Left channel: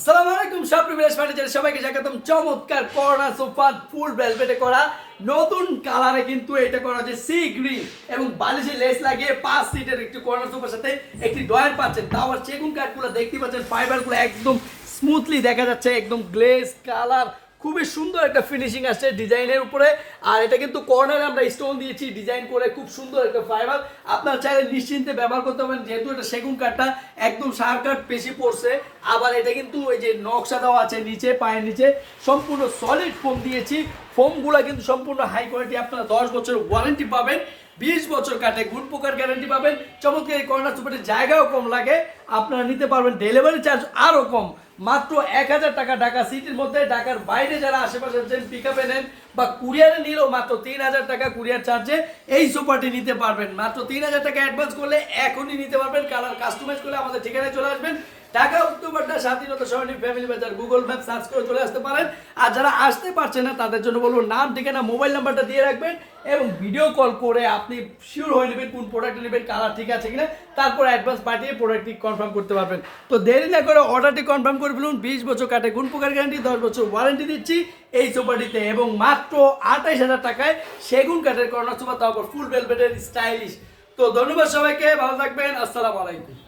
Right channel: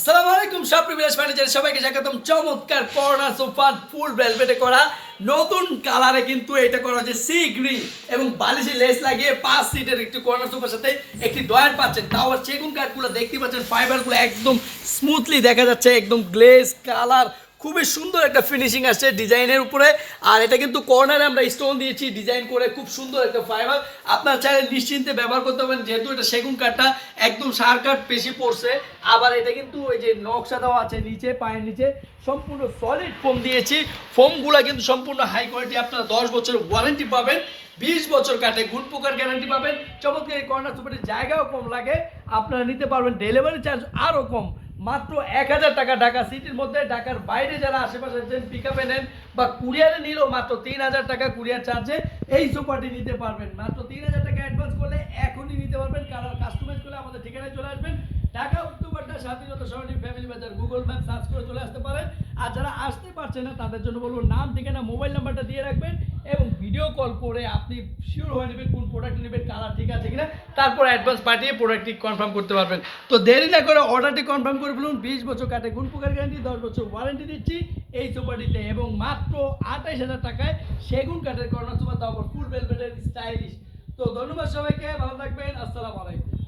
আসসালামু আলাইকুম সবাইকে স্বাগতম। চমৎকার করোনা ফুল ভেলভেটে করা। নতুন কালারে কিন্তু এটা করা হচ্ছে সি গ্রিন এবং বালিশে লেস লাগিয়ে পাঁচ সিটের একটি কর্নার সোফার সাথে একটি ডয়ার পাচ্ছেন। তাও আর সেগুন কাঠগুলো দেখতে পাচ্ছেন ফাইবারগুলো একদম স্মুথলি দেখা যাচ্ছে, একদম গ্লেস কালার খুবই সুন্দর একটা ফিনিশিং আসছে ডিজাইনের উপরে। আর এটা কিন্তু কর্নারে আমরা স্টোন দিয়েছি ডিজাইন করে খুব সুন্দর একটা ফাইবার আপনার চাইলে নিশ্চিন্তে ব্যবহার করতে পারেন, যেহেতু এটা সেগুন কাঠটা, একদম সার কাঠ বেশি পড়ছে। আবার এটা কিন্তু ওই যে নকশাটাও আছে নিচে, পায়ের নিচে, সম্পূর্ণ সলিড ফোম দিয়েছি। ফোমগুলো কিন্তু সম্পূর্ণ হাই কোয়ালিটি আপনারা দশ বছরের ওয়ারেন্টি পাবেন, বিশ বছর কাটে গুণ পোকার গ্যারান্টি পাবেন। চমৎকার এই কর্নার সুপারের জায়গাও কম লাগে, আপনারা নিতে পারবেন ডেলিভারি চার্জ আরও কম। মাত্র এক হাজার টাকা ঢাকা সিটির মধ্যে। ঢাকার বাইরে যারা আশেপাশে আছেন পিক আপে নেন বা কুরিয়ারে নিলেও মাত্র তিন হাজার টাকা কুরিয়ার চার্জে এই সোফাটি নিতে পারবেন। মাত্র তিন হাজার টাকা অ্যাডভান্স করলে এখনই নিতে পারবেন। কালার কাস্টমাইজ করলে আমাদের ঠিকানায় চলে আসবেন। ঢাকা উত্তরপাড্ডা স্বাধীনতা সরণি ফ্যামিলি বাজার গুগল ম্যাপ সার্চ করে চলে আসতে পারেন। আর যারা আসতে পারছে না, তাদের জন্য বলব, নাম, ঠিকানা মোবাইল নাম্বারটা দিয়ে রাখবেন এবং ভিডিও কল করে আপনি শিওর হয়ে নেবেন কোন প্রোডাক্ট নেবেন কালার ঠিক আছে কিনা। তারপর অ্যাডভান্স পাঠিয়ে প্রোডাক্টটি কনফার্ম করতে পারবেন। তো দেরি না করে অর্ডারটি কনফার্ম করে ফেলুন। বিশ বছর কাটে গুণ প্রকার গ্যারান্টি দশ বছর ওয়ারেন্টি দিচ্ছি এই সোফাটিতে এবং মাত্র আঠাইশ হাজার টাকায় সেগুন কাঠের কর্নার সোফা তারপর ফুল ভেলভেটের স্টাইলিশ তো ধন্যবাদ সবাইকে, ভালো থাকবেন, আসসালামু আলাইকুম।